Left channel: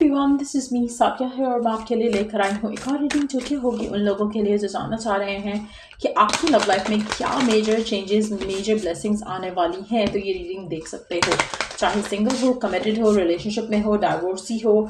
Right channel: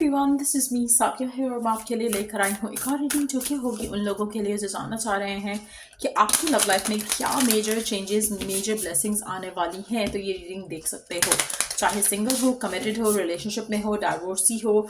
Everyone, this is me Saikia है और मैं आपके लिए लेकर आई हूँ एक और रीडिंग जो कि होगी उन लोगों के लिए जो जानना चाह रहे हैं कि आपकी लव लाइफ में क्या मेजर चेंजेस, मेजर ब्लेसिंग्स आने वाली हैं। तो ये रीडिंग देख सकते हो, चाहे सिंगल हो, कमिटेड हो, रिलेशनशिप में हो, डाइवोर्सी हो,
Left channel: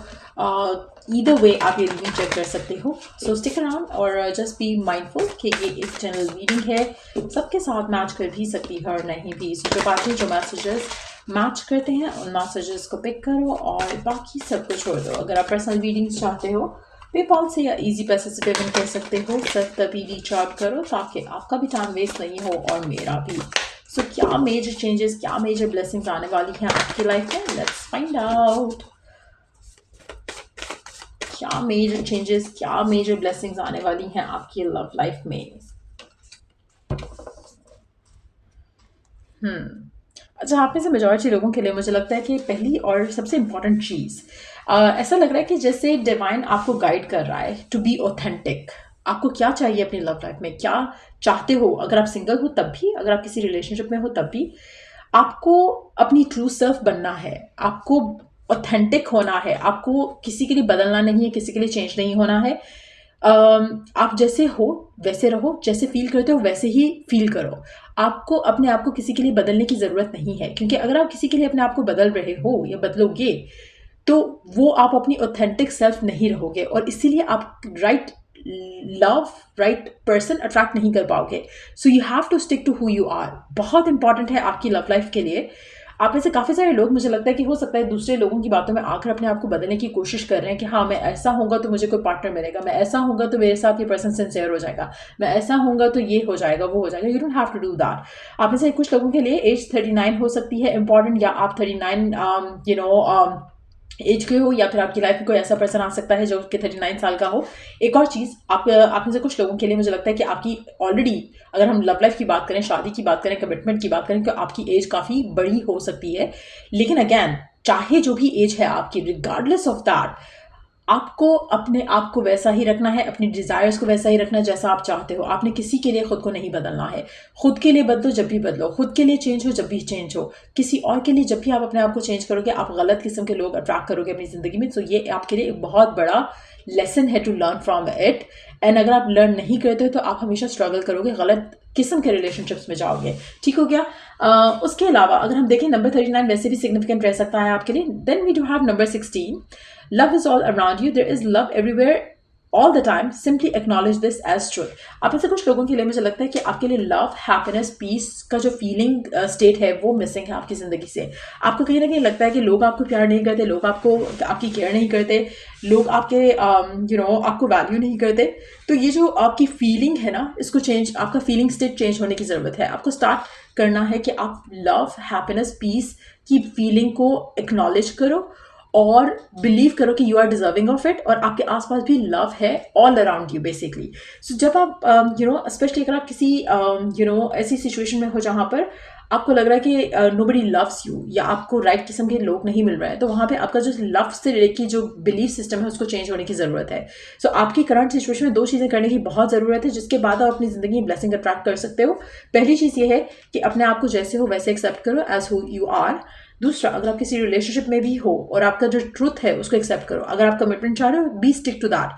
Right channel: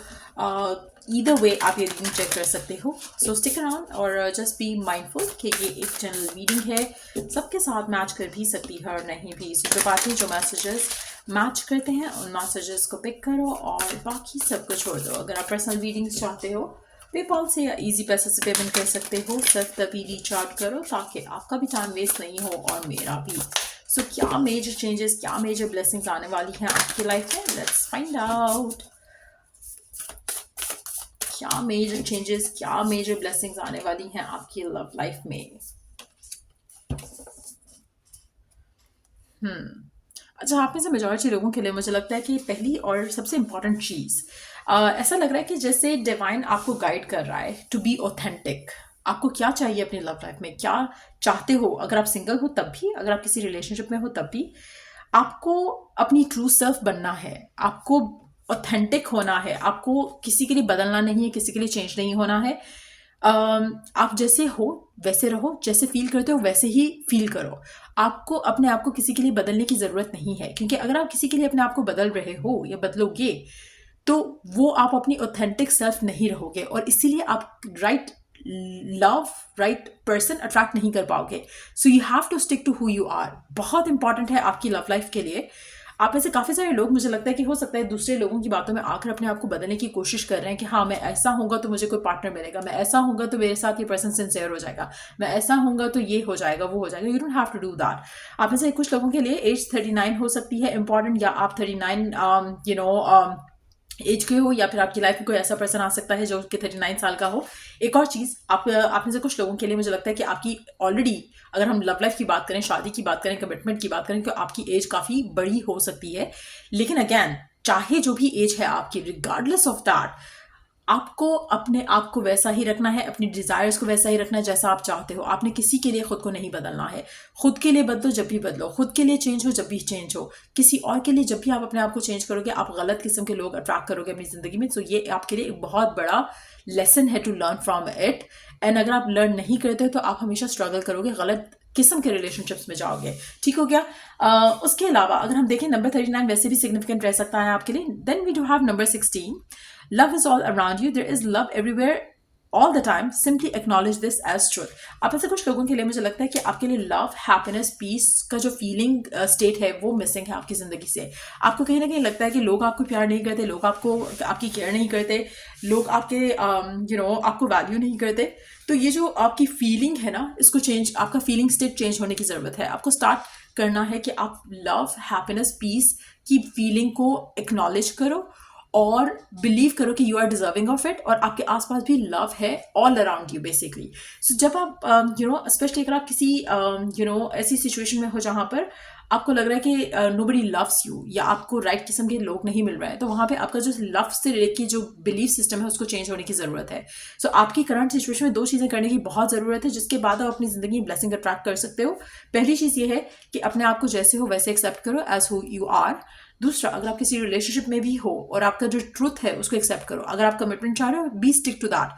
ईदर वे आप ये रीडिंग चेक कर सकते हो। सो स्टिक अराउंड और जस्ट बी माइंडफुल कि ये एक जनरल रीडिंग है, सबके साथ मैच कर भी सकती है और नहीं भी। सो जो बातें, जो मैसेजेस मैच करते हैं उन मैसेजेस को पिक करो और बाकी सब को छोड़ दो। अगर आप पर्सनल रीडिंग्स चाहते हो, पेपॉल से या इजी पैसे से पेमेंट कर सकते हो। सिर्फ तभी रीच आउट करो ताकि आपका भी टाइम वेस्ट नहीं हो और मेरा भी। सो क्या मेजर चेंजेस, क्या मेजर ब्लेसिंग्स आने वाली हैं आपकी लाइफ में, लेट्स फाइंड आउट। क्या मेजर चेंजेस, क्या मेजर ब्लेसिंग्स आने वाली हैं आपकी लव लाइफ में। अच्छा, आप में से मेजॉरिटी लोगों के लिए मुझे लगता है कि पहली और सबसे इम्पॉर्टेंट चीज़, ऐसा लग रहा है कि जैसे डिवाइन आपको गाइड कर रहा है टू बी ऑथेंटिक। आपको क्या चाहिए अपनी लव लाइफ में, क्या चाहते हो। अगर आप सिंगल हो तब भी, अगर आप किसी रिलेशनशिप में हो तब भी, आपको अपनी ट्रू सेल्फ बनना है, आपको ऑथेंटिक होना है, आपको किसी के लिए बदलना नहीं है, किसी के लिए चेंज नहीं होना है। आप जैसे हो वैसे रहो, जैसे फील करते हो वैसे ही फील करो। आपको अपने आप को किसी के लिए बदलने की ज़रूरत नहीं है, क्योंकि अगर आप किसी के लिए अपने आप को बदल रहे हो या बदलोगे तो वो आप अपनी ऑथेंटिक सेल्फ नहीं रहोगे और इसीलिए आप right love, right person attract नहीं कर पाओगे। So you have to stick to who you are. बहुत इंपॉर्टेंट है आपकी लव लाइफ के लिए। आप में से काफ़ी सारे लोग, मुझे लगता है कि हो सकता है दूसरे लोगों की बातों में आकर अपने आप को बदलने की कोशिश कर रहे हैं कि हाँ, मैं ऐसा होऊंगा तो मुझे कोई पार्टनर मिलेगा, मैं ऐसा होऊंगा तो मेरे साथ ये पर्सन सिंसियर हो जाएगा, मैं ऐसा होऊंगा तो ये हो जाएगा, वो हो जाएगा। You don't have to do that. आप में से कुछ लोगों के लिए एज 39 हो सकती है इंपॉर्टेंट, या आप 39 एज के हो, या फिर आपकी लाइफ में कोई ऐसा पर्सन आ सकता है जो कि 39 साल का हो। एक और चीज़, आप में से कुछ लोगों के लिए मुझे लगता है कि आपकी ऑलरेडी, अगर हम लव लाइफ की बात करें, शादी की बात करें, कमिटमेंट की बात करें, तो आपकी एज काफ़ी बड़ी हो सकती है। लेकिन अगैन, चाहे जो भी एज है आपकी, रिगार्डलेस ऑफ दैट, आपको अपने आप को वैसा ही रखना है, अपनी डिज़ायर्स को वैसा ही रखना है जैसा आप चाहते हो। आपने किसी के लिए खुद को नहीं बदलना है। खुद के लिए बदलो जब भी बदलो, खुद के लिए चेंज हो जब भी चेंज हो। किसी और के लिए जब भी आप अपने आप को चेंज करोगे, आप गलत किस्म के लोग अट्रैक्ट करोगे अपनी ज़िंदगी में। सो ये आपके लिए एक बहुत बड़ा लेसन है to learn from it. And अगर आप लर्न नहीं करते हो तो आप हमेशा स्ट्रगल करोगे, गलत किस्म के रिलेशनशिप्स में जाओगे। ठीक हो गया। उसके अलावा अगर हम देखें, नंबर 39 वैसे भी सिग्निफिकेंट रह सकता है आपके लिए। Then we do have number 16, love is all around you, there is love everywhere all the time, simply acknowledge this as truth। आप में से कुछ लोगों के लिए मुझे लगता है कि आपके लिए लव, हैप्पीनेस, पीस का जो फीलिंग स्टेट है वो मिसिंग है आपकी ज़िंदगी से। आपको कहीं ना कहीं लगता है कि लोग आपको प्यार नहीं करते, लोग आपको, आपकी केयर नहीं करते, लोग आपके आपको वैल्यू नहीं करते। तो ये जो आपकी फीलिंग है ना, इसको चेंज, आपका फीलिंग स्टेट चेंज होने की ज़रूरत है। आपको स्टार्ट करना है कि आप लव, हैप्पीनेस, पीस की फीलिंग को एक्नॉलेज करो और बिलीव करो कि you are deserving of it, और आपके आसपास भी लव है all around you basically. So जब आप स्पेशली अगर आप किसी ऐसी सिचुएशन में हो जहाँ पर आपको लग रहा है कि नोबडी लव्स यू, या आपको राइट किस्म के लोग नहीं मिल रहे हैं, तो वहाँ पे आपका जो लव से रिलेटेड की जो बिलीफ सिस्टम है उसको चेंज होने की ज़रूरत है। सो आपकी करंट सिचुएशन में दो चीज़ें करने की बहुत ज़रूरत है, जिसके बाद आप अपनी ज़िंदगी में ब्लेसिंग अट्रैक्ट कर सकते हो। पहली चीज़ ये है कि अपने आप को जैसे हो वैसे एक्सेप्ट करो, एज हु यू आर। दूसरा, अगर आप किसी रिलेशनशिप में भी हो और आपका जो ट्रूथ है उसको एक्सेप्ट करो। अगर आप कमिटमेंट चाह रहे हो, बी स्टिक टू दैट।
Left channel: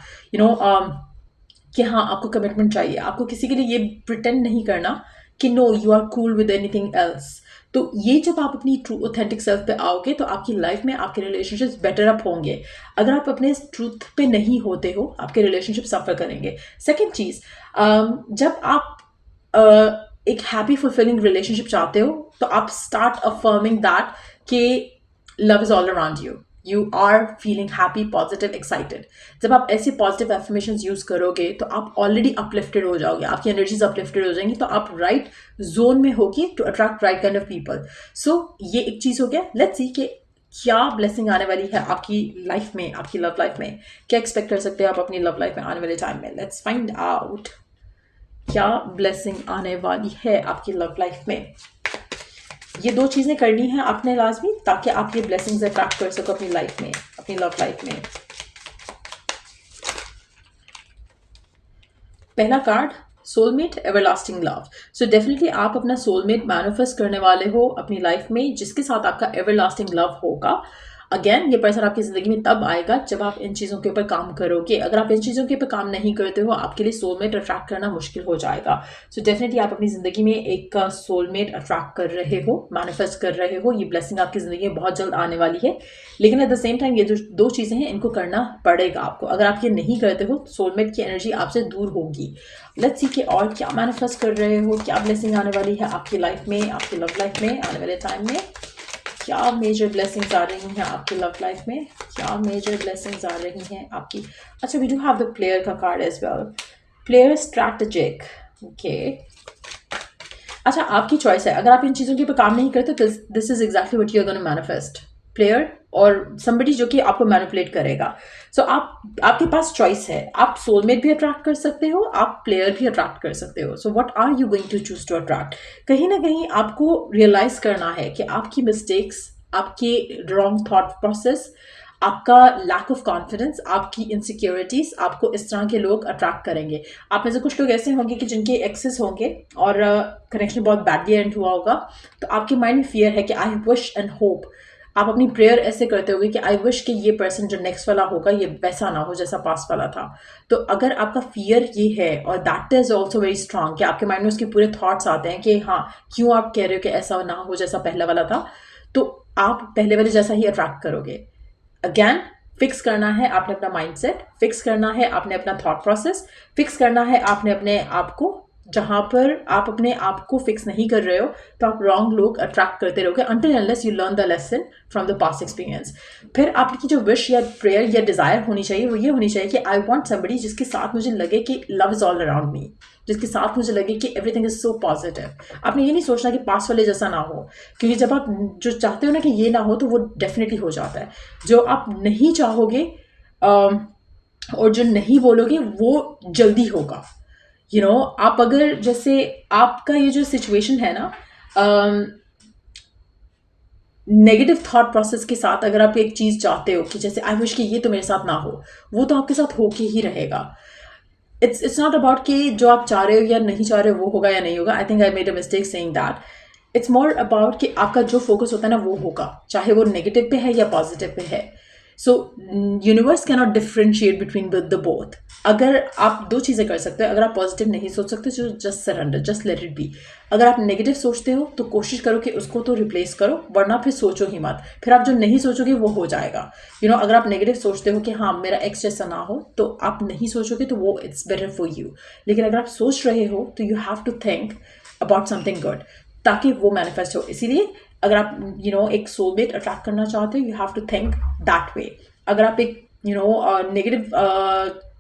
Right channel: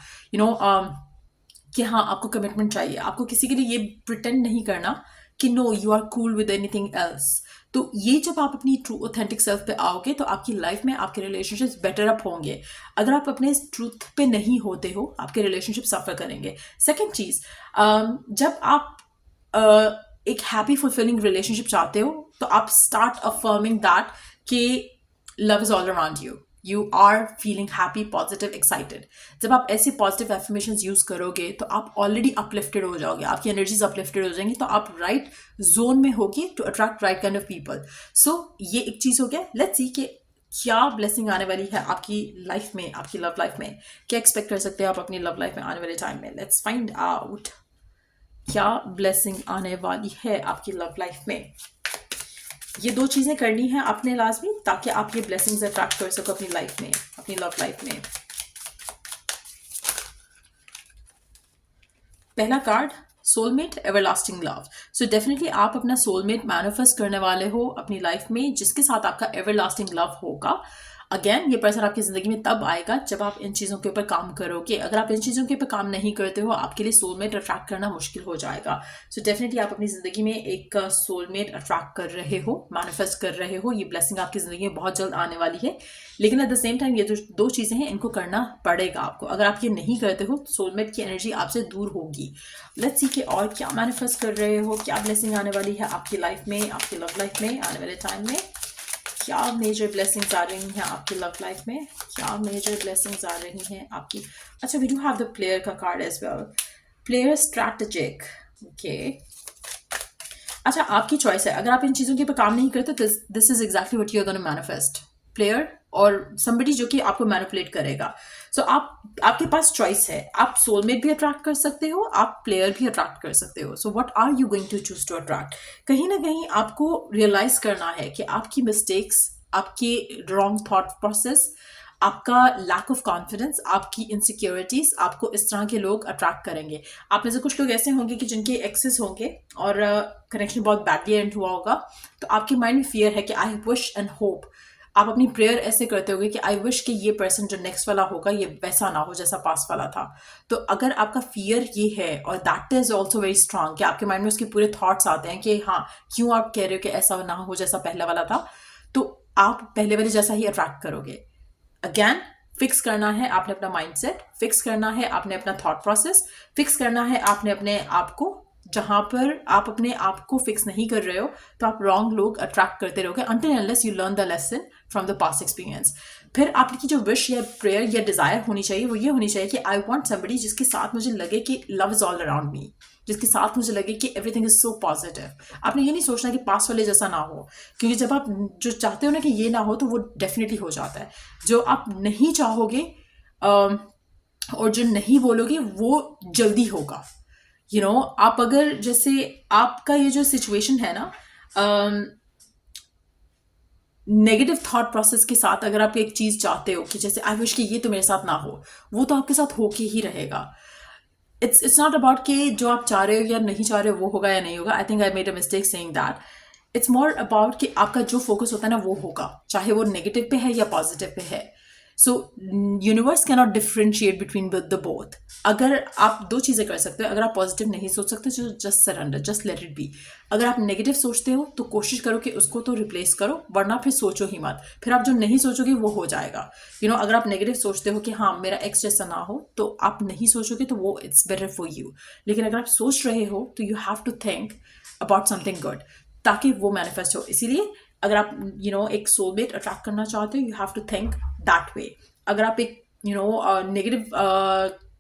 कि हाँ, आपको कमिटमेंट चाहिए, आपको किसी के लिए ये प्रिटेंड नहीं करना कि no you are cool with anything else. तो ये जब आप अपनी ट्रू ऑथेंटिक सेल्फ पे आओगे तो आपकी लाइफ में आपके रिलेशनशिप्स बेटर अप होंगे। अगर आप अपने ट्रूथ पे नहीं होते हो, आपके रिलेशनशिप सफ़र करेंगे। सेकेंड चीज़, जब आप एक हैप्पी फुलफिलिंग रिलेशनशिप चाहते हो तो आप स्टार्ट अफर्मिंग दैट कि love is all around you, you are feeling happy, positive, excited. जब आप ऐसे पॉजिटिव एफर्मेशंस यूज करोगे तो आप ऑलरेडी अपलिफ्टेड हो जाओगे, आपकी एनर्जीज अपलिफ्टेड हो जाएंगी, तो आप राइट जोन में होगी to attract right kind of people. So ये एक चीज़ हो गया। लेट्स सी कि क्या ब्लेसिंग आने वाली है आपकी लाइफ में, आपकी लव लाइफ में। क्या एक्सपेक्ट कर सकते हैं आप अपनी लव लाइफ में आने वाले टाइम में। लेट्स फाइंड आउट क्या ब्लेसिंग आने वाली है आपकी लव लाइफ में। ये दो चीज़ें करनी है आपने लाजमी, ताकि आप ये ब्लेसिंग्स अट्रैक्ट कर सको अपनी लाइफ में, अपनी लव लाइफ में। पहला card, soulmate, everlasting love. So definitely आप अपना सोलमेट मैनिफेस्ट करने वाले हो अपनी लाइफ में, जिसके साथ आपका एवरलास्टिंग लव होगा। अगेन ये पर्सन आपकी ज़िंदगी में तब आएगा जब आप इन चीज़ों के ऊपर काम करोगे। अगर आप इन चीज़ों के ऊपर काम नहीं करते हो, आपके लिए सोलमेट अट्रैक्ट करना मुश्किल हो जाएगा। सो डेफिनेटली आप अपनी ज़िंदगी में एक सोलमेट अट्रैक्ट कर रहे हो, मैनिफेस्ट कर रहे हो। ये ब्लेसिंग आपकी ज़िंदगी में बहुत जल्द आने वाली है, लेकिन एट द सेम टाइम ये जो दो चीज़ें हैं इनको करना पड़ेगा आपको। अगर आप ये नहीं करते हो, सोलमेट की एनर्जी आपसे दूर होगी। लेट्स सी कि और क्या मैनिफेस्ट कर रहे हो, क्या ब्लेसिंग आने वाली है आपकी लाइफ में, आपकी लव लाइफ में आने वाले टाइम में। क्या मेजर ब्लेसिंग्स आ रही हैं आपकी लव लाइफ में, क्या मेजर ब्लेसिंग्स आ रही हैं आपकी। अच्छा, we do have the player का card as well, player strategic. Okay, अच्छा आपकी चॉइस है। अगर आप इन चीज़ों के ऊपर काम नहीं करते, this is exactly what you are gonna manifest, player और समबडी जो कि आपको मैनिपुलेट करेगा। सो आपके पास चॉइस है, आप सोलमेट भी अट्रैक्ट कर सकते हो, आप प्लेयर भी अट्रैक्ट कर सकते हो। So what are you going to choose to attract. कहीं ना कहीं आपको रियलाइज करना है कि आपकी मिस्टेक्स, आपके रॉन्ग थॉट प्रोसेस, आपका लैक ऑफ कॉन्फिडेंस, आपकी इनसिक्योरिटीज आपको इस तरह के लोग अट्रैक्ट करेंगे। आप में से कुछ लोग ऐसे होंगे कि जिनके एक्सेस होंगे और कनेक्शन बहुत बैडली एंड हुआ होगा, तो आपके माइंड में फियर है कि आई विश एंड होप। आप अपनी प्रेयर ऐसे करते होगे कि आई विश कि ये पर्सन जो नेक्स्ट वाला होगा ये वैसा ना हो जैसा पास्ट वाला था। तो अगर आपका फियर ये है और that is also very strong कि आपके माइंड में उसके पूरे थॉट्स आते हैं कि हाँ क्यों आप कह रहे हो कि ऐसा ना हो जैसा पहला वाला था, तो आप पहले वाले जैसा ही अट्रैक्ट करोगे। अगेन फिक्स करना है आपने अपना माइंडसेट, फिक्स करना है आपने अपना थॉट प्रोसेस, फिक्स करना है आपने अपने आप को। जहां पर आप अपने आप को फिक्स नहीं कर रहे हो तो आप रॉन्ग लोग अट्रैक्ट करते रहोगे until and unless you learn the lesson from the past experience। फिर आपकी जो विश या प्रेयर या डिजायर होनी चाहिए वो ये होनी चाहिए कि आई वॉन्ट somebody जिसके साथ मुझे लगे कि love is all around me, जिसके साथ मुझे लगे कि एवरीथिंग इज सो पॉजिटिव। आपने ये नहीं सोचना कि पास वाले जैसा ना हो, क्योंकि जब आप जो चाहते हो ना कि ये ना हो तो वो डेफिनेटली हो जाता है। जो आप नहीं चाहोगे और जो नहीं बोलोगे वो जल्दी होगा। आप अगर जैसे आपका ये जो सिचुएशन है ना, नेगेटिव थॉट प्रोसेस के साथ अगर आप एक चीज चाहते हो कि जैसे आई विश कि ये तो मेरे साथ ना हो, वो तो आपके साथ होके ही रहेगा। इट्स नॉट अबाउट कि जो आप चाह रहे हो या नहीं चाह रहे हो वो होगा या नहीं होगा। I think I made a mistake saying that. It's more about कि आपका जो फोकस होता है ना वो होगा, चाहे वो नेगेटिव पे है या पॉजिटिव पे है। सो universe cannot differentiate between the both. अगर आप दो चीज़ें कर सकते हो, अगर आप पॉजिटिव नहीं सोच सकते तो just surrender, just let it be. अगर आप नेगेटिव सोचते हो तो कोशिश करो कि उसको तो रिप्लेस करो, वरना फिर सोचो ही मत। फिर आप जो नहीं सोचोगे वो हो जाएगा। अगर आप नेगेटिव सोचते हो कि हाँ मेरा एक्स जैसा ना हो, तो आप नहीं सोचोगे तो वो इट्स बेटर फॉर यू। लेकिन अगर आप सोच रहे हो तो you have to think about something good ताकि वो मैनिफेस्ट हो। इसीलिए अगर आप एक सोलमेट अट्रैक्ट करना चाहते हो, you have to think that way. अगर आप एक नेगेटिव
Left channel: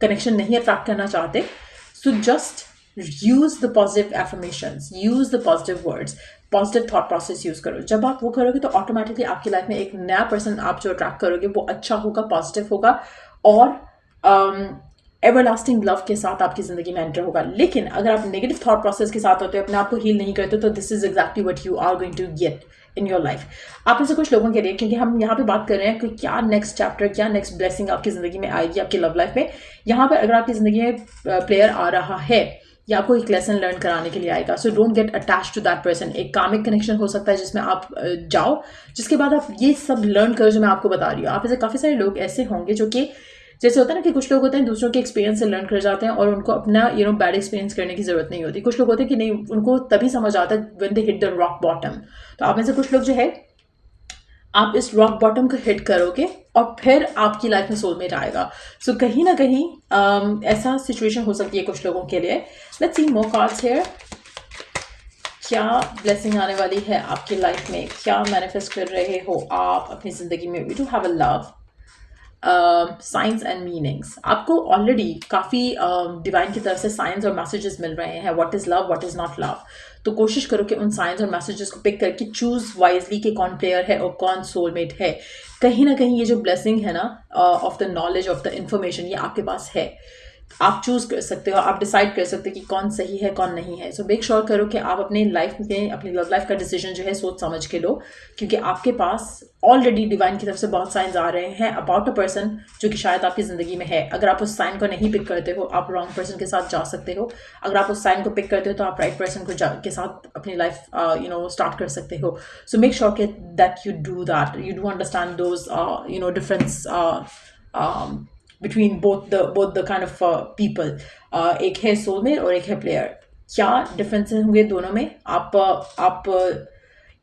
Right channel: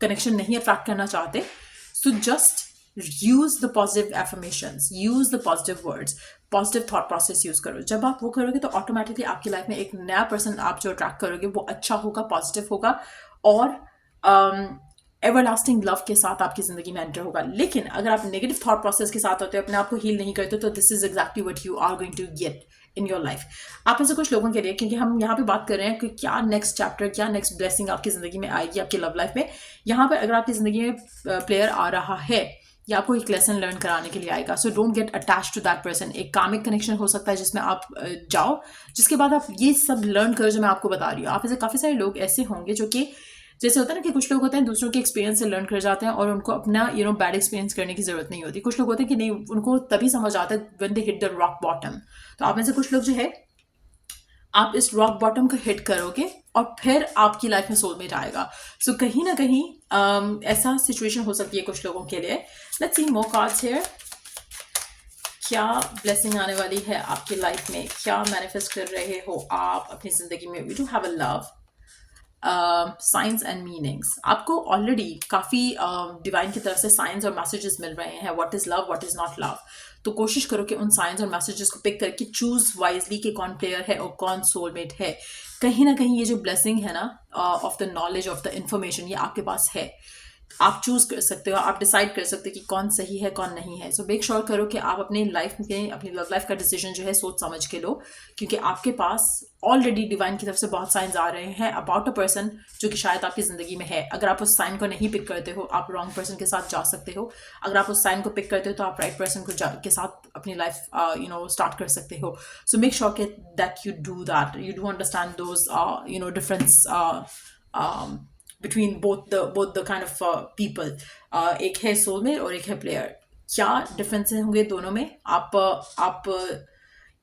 कनेक्शन नहीं अट्रैक्ट करना चाहते, so just use the positive affirmations, use the positive words, positive thought process use करो। जब आप वो करोगे तो ऑटोमेटिकली आपकी लाइफ में एक नया पर्सन आप जो अट्रैक्ट करोगे वो अच्छा होगा, पॉजिटिव होगा और एवरलास्टिंग लव के साथ आपकी जिंदगी में एंटर होगा। लेकिन अगर आप नेगेटिव थॉट प्रोसेस के साथ होते हो, अपने आप को हील नहीं करते, तो this is exactly what you are going to get in your life. आप ऐसे कुछ लोगों के लिए, क्योंकि हम यहाँ पे बात कर रहे हैं कि क्या नेक्स्ट चैप्टर, क्या नेक्स्ट ब्लेसिंग आपकी जिंदगी में आएगी आपकी लव लाइफ में। यहाँ पर अगर आपकी जिंदगी में प्लेयर आ रहा है या आपको एक लेसन लर्न कराने के लिए आएगा, so don't get attach to that person. एक कामिक कनेक्शन हो सकता है जिसमें आप जाओ, जिसके बाद आप ये सब लर्न करो जो मैं आपको बता रही हूँ। आप ऐसे काफ़ी सारे लोग ऐसे होंगे जो कि जैसे होता है ना कि कुछ लोग होते हैं दूसरों के एक्सपीरियंस से लर्न कर जाते हैं और उनको अपना बैड एक्सपीरियंस करने की जरूरत नहीं होती। कुछ लोग होते हैं कि नहीं, उनको तभी समझ आता है when they hit the rock bottom. तो आप में से कुछ लोग जो है आप इस रॉक बॉटम को हिट करोगे और फिर आपकी लाइफ में सोलमेट आएगा। सो कहीं ना कहीं ऐसा सिचुएशन हो सकती है कुछ लोगों के लिए। Let's see more cards here. क्या ब्लेसिंग आने वाली है आपकी लाइफ में, क्या मैनिफेस्ट कर रहे हो आप अपनी जिंदगी में। We do have a love, signs and meanings. आपको ऑलरेडी काफ़ी डिवाइन की तरफ से साइंस और मैसेजेस मिल रहे हैं, what is love, what is not love. तो कोशिश करो कि उन साइंस और मैसेजेस को पिक करके चूज वाइजली कि कौन प्लेयर है और कौन सोलमेट है। कहीं ना कहीं ये जो ब्लेसिंग है ना of the knowledge, of the information, ये आपके पास है। आप चूज कर सकते हो, आप डिसाइड कर सकते हो कि कौन सही है कौन नहीं है। सो मेक श्योर करो कि आप अपने लाइफ में अपनी लव लाइफ का डिसीजन जो है सोच समझ के लो, क्योंकि आपके पास ऑलरेडी डिवाइन की तरफ से बहुत साइंस आ रहे हैं अबाउट अ पर्सन जो कि शायद आपकी ज़िंदगी में है। अगर आप उस साइन को नहीं पिक करते हो, आप रॉन्ग पर्सन के साथ जा सकते हो। अगर आप उस साइन को पिक करते हो तो आप राइट पर्सन के साथ अपनी लाइफ स्टार्ट कर सकते हो। सो मेक श्योर के that you do understand those difference between both the kind of people. एक है सोलमेट और एक है प्लेयर। क्या डिफरेंसेस होंगे दोनों में?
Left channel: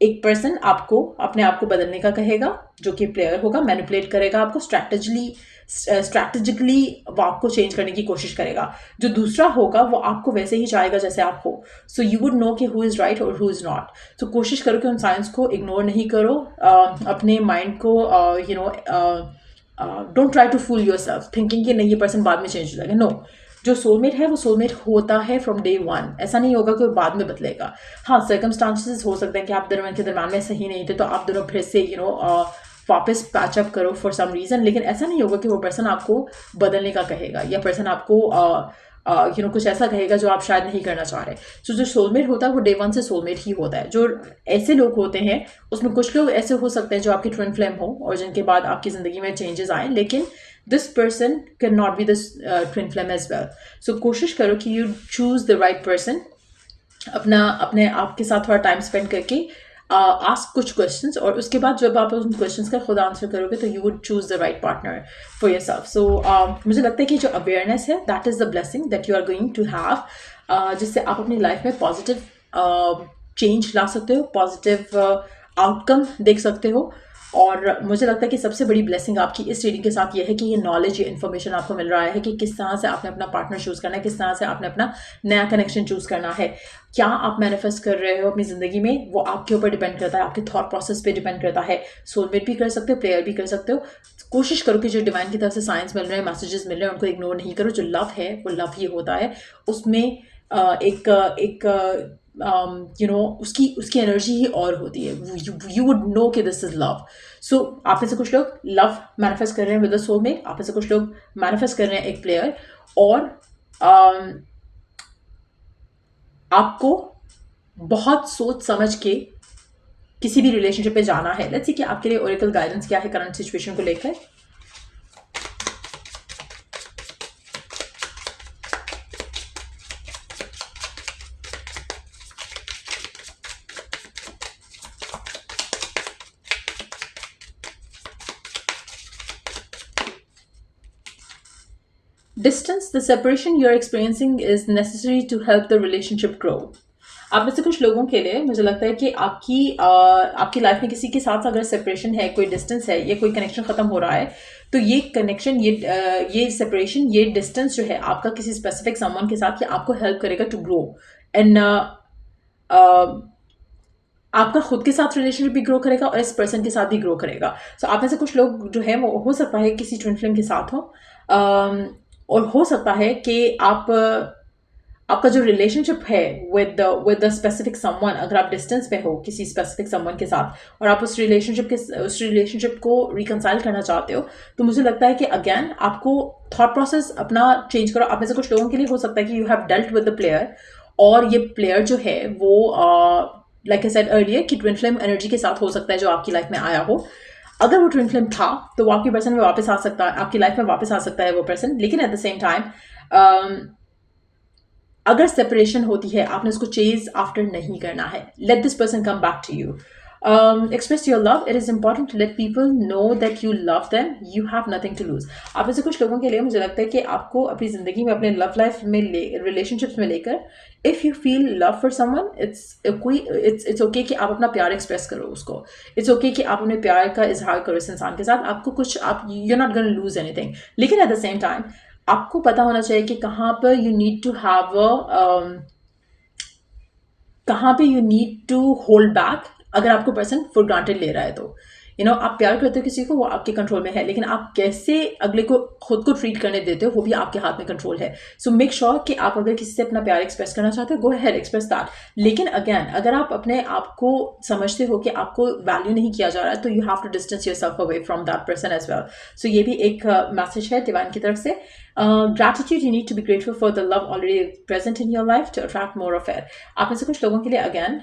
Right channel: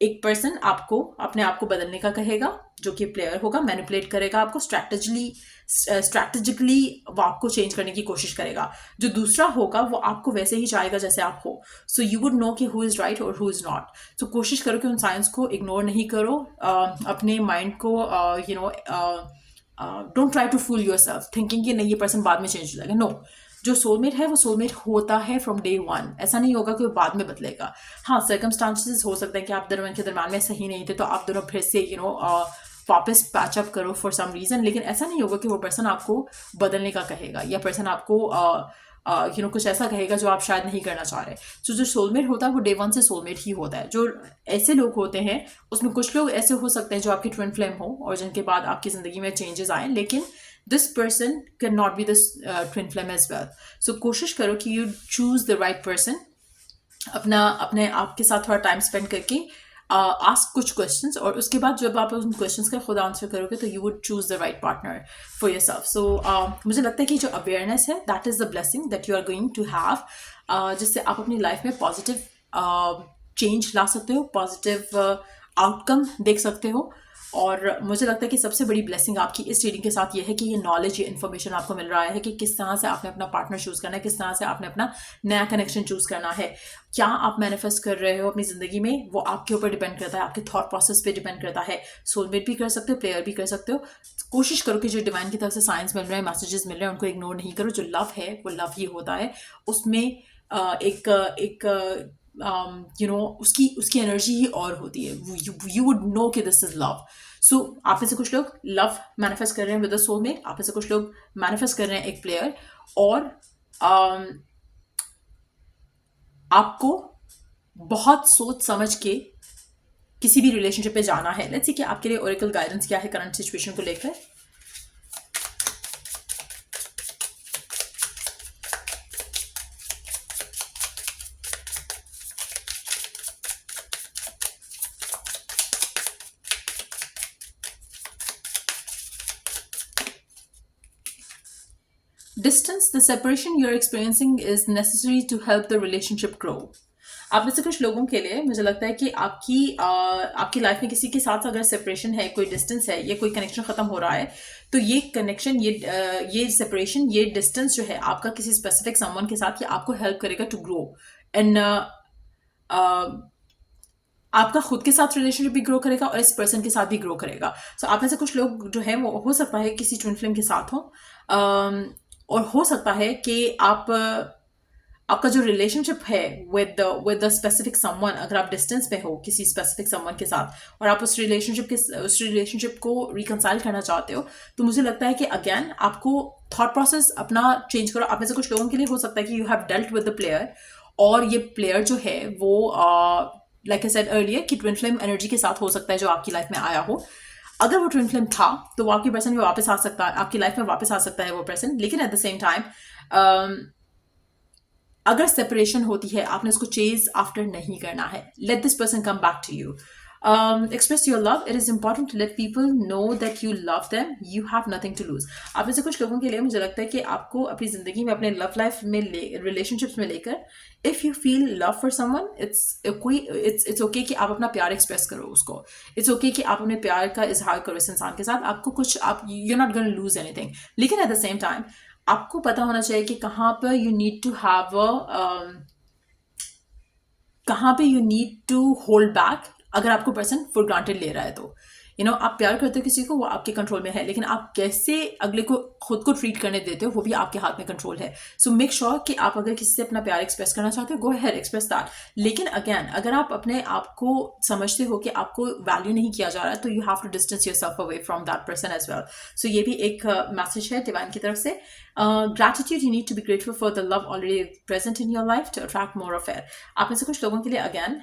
एक पर्सन आपको अपने आप को बदलने का कहेगा, जो कि प्लेयर होगा, मैनिपुलेट करेगा आपको, स्ट्रैटेजिकली वो आपको चेंज करने की कोशिश करेगा। जो दूसरा होगा वो आपको वैसे ही चाहेगा जैसे आप हो। सो यू वुड नो कि हु इज़ राइट और हु इज़ नॉट। तो कोशिश करो कि उन साइंस को इग्नोर नहीं करो। अपने माइंड को don't try to fool yourself thinking कि नहीं ये पर्सन बाद में चेंज हो जाएगा। नो, जो सोलमेट है वो सोलमेट होता है फ्रॉम डे वन। ऐसा नहीं होगा कि वो बाद में बदलेगा। हाँ, सर्कमस्टांसेस हो सकते हैं कि आप दोनों के दरम्यान में सही नहीं थे तो आप दोनों फिर से वापस पैचअप करो फॉर सम रीज़न, लेकिन ऐसा नहीं होगा कि वो पर्सन आपको बदलने का कहेगा या पर्सन आपको कुछ ऐसा कहेगा जो आप शायद नहीं करना चाह रहे। सो जो सोलमेट होता है वो डे वन से सोलमेट ही होता है। जो ऐसे लोग होते हैं उसमें कुछ लोग ऐसे हो सकते हैं जो आपकी ट्विन फ्लेम हो और जिनके बाद आपकी ज़िंदगी में चेंजेस आए, लेकिन this person can not be this twin flame as well. So कोशिश करो कि you choose the right person. अपने आप के साथ थोड़ा टाइम स्पेंड करके आस्क कुछ क्वेश्चंस, और उसके बाद जब आप उन क्वेश्चंस का खुद आंसर करोगे तो you would choose the right partner for yourself. So मुझे लगता है कि जो अवेयरनेस है that is the blessing that you are going to have, जिससे आप अपनी लाइफ में पॉजिटिव चेंज ला सकते हो, पॉजिटिव आउटकम देख सकते हो। और मुझे लगता है कि सबसे बड़ी ब्लेसिंग आपकी इस रीडिंग के साथ ये है कि ये नॉलेज, ये इन्फॉर्मेशन आपको मिल रहा है कि किस तरह से आपने अपना पार्टनर चूज़ करना है, किस तरह से आपने अपना नया कनेक्शन चूज़ करना है। क्या आप मैनिफेस्ट कर रहे हो अपनी ज़िंदगी में वो आपके ऊपर डिपेंड करता है, आपके थॉट प्रोसेस पे डिपेंड करता है। सोलमेट भी कर सकते हो, प्लेयर भी कर सकते हो। कोशिश करो कि जो डिवाइन की तरफ से साइंस मिल रहे हैं, मैसेजेस मिल रहे हैं, उनको इग्नोर नहीं करो। जो लव है वो लव ही होता है। उसमें उसकी एनर्जी ही और होती है। यू वुड नो कि दिस इज लव। सो आप में से कुछ लोग लव मैनिफेस्ट कर रहे हैं विद अ सोलमेट, आप में से कुछ लोग मैनिफेस्ट कर रहे हैं एक प्लेयर, और आपको बहुत सोच समझ के किसी भी रिलेशनशिप पे जाना है। लेट्स सी कि आपके लिए ओरेकल गाइडेंस क्या है करंट सिचुएशन को लेकर। Distance, the separation you are experiencing is necessary to help the relationship grow. आप में से कुछ लोगों के लिए मुझे लगता है कि आपकी लाइफ में किसी के साथ अगर सेपरेशन है, कोई डिस्टेंस है, ये कोई कनेक्शन ख़त्म हो रहा है, तो ये कनेक्शन, ये सेपरेशन, ये डिस्टेंस जो है आपका किसी स्पेसिफिक समवन के साथ, ये आपको हेल्प करेगा टू ग्रो। एंड आपका खुद के साथ रिलेशनशिप भी ग्रो करेगा और इस पर्सन के साथ भी ग्रो करेगा। सो आप में से कुछ लोग जो है वो हो सकता है किसी ट्विन फ्लेम के साथ हो, और हो सकता है कि आपका जो रिलेशनशिप है विद द स्पेसिफिक समवन, अगर आप डिस्टेंस पे हो किसी स्पेसिफिक समवन के साथ और आप उस रिलेशनशिप को रिकंसाइल करना चाहते हो, तो मुझे लगता है कि अगेन आपको थॉट प्रोसेस अपना चेंज करो। आप में से कुछ लोगों के लिए हो सकता है कि you have dealt with the player, और ये प्लेयर जो है वो लाइक आई सेड अर्लियर कि ट्विन फ्लेम एनर्जी के साथ हो सकता है जो आपकी लाइफ में आया हो। अगर वो ट्विन फ्लेम था तो वो आपकी पर्सन में वापस आ सकता है, आपकी लाइफ में वापस आ सकता है वो पर्सन। लेकिन एट द सेम टाइम अगर सेपरेशन होती है, आपने उसको चेज आफ्टर नहीं करना है। Let this person come back to you, express your love. It is important to let people know that you love them, you have nothing to lose. आप में से कुछ लोगों के लिए मुझे लगता है कि आपको अपनी ज़िंदगी में, अपने लव लाइफ में, रिलेशनशिप्स में लेकर, if you feel love for someone, it's okay कि आप अपना प्यार एक्सप्रेस करो उसको। इट्स ओके कि आप अपने प्यार का इजहार करो इस इंसान के साथ। आपको कुछ, you are not gonna lose anything, लेकिन एट द सेम टाइम आपको पता होना चाहिए कि कहाँ पर you need to hold back. अगर आपको पर्सन फॉर ग्रांटेड ले रहा है तो आप प्यार करते हो किसी को, वो आपके कंट्रोल में है, लेकिन आप कैसे अगले को खुद को ट्रीट करने देते हो वो भी आपके हाथ में कंट्रोल है। सो मेक श्योर कि आप अगर किसी से अपना प्यार एक्सप्रेस करना चाहते हो, गो अहेड, एक्सप्रेस दैट। लेकिन अगेन अगर आप अपने आप को समझते हो कि आपको वैल्यू नहीं किया जा रहा है, तो you have to distance yourself away from that person as well. So ये भी एक मैसेज है डिवाइन की तरफ से। Gratitude, you need to be grateful for the love already present in your life to attract more of it. आप में से कुछ लोगों के लिए अगेन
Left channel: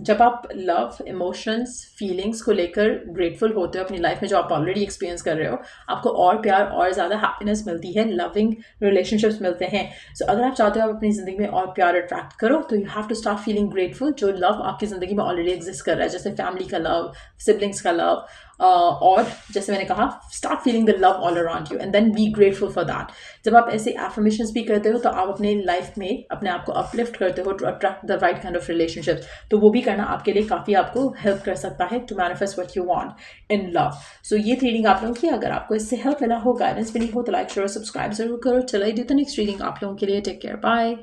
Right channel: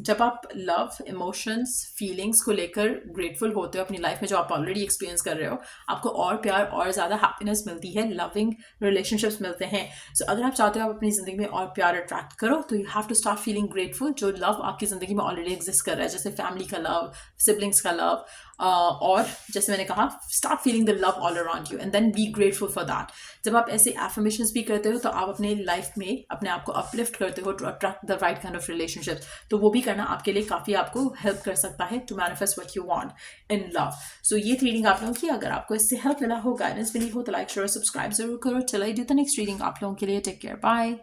जब आप लव इमोशंस फीलिंग्स को लेकर ग्रेटफुल होते हो अपनी लाइफ में जो आप ऑलरेडी एक्सपीरियंस कर रहे हो, आपको और प्यार और ज़्यादा हैप्पीनेस मिलती है, लविंग रिलेशनशिप्स मिलते हैं. सो अगर आप चाहते हो आप अपनी ज़िंदगी में और प्यार अट्रैक्ट करो तो you have to start feeling grateful जो लव आपकी ज़िंदगी में ऑलरेडी एग्जिस्ट कर रहा है, जैसे फैमिली का लव, सिबलिंग्स का लव, और जैसे मैंने कहा start feeling the love all around you and then be grateful for that. जब आप ऐसे एफर्मेशंस भी करते हो तो आप अपने लाइफ में अपने आप को अपलिफ्ट करते हो to attract the right kind of relationship. तो वो भी करना आपके लिए काफ़ी आपको हेल्प कर सकता है to manifest what you want in love. So ये रीडिंग आप लोगों की अगर आपको इससे हेल्प मिला हो, गाइडेंस मिली हो तो लाइक शेयर और सब्सक्राइब जरूर करो. चलो I do the next reading आप लोगों के लिए. Take care, bye.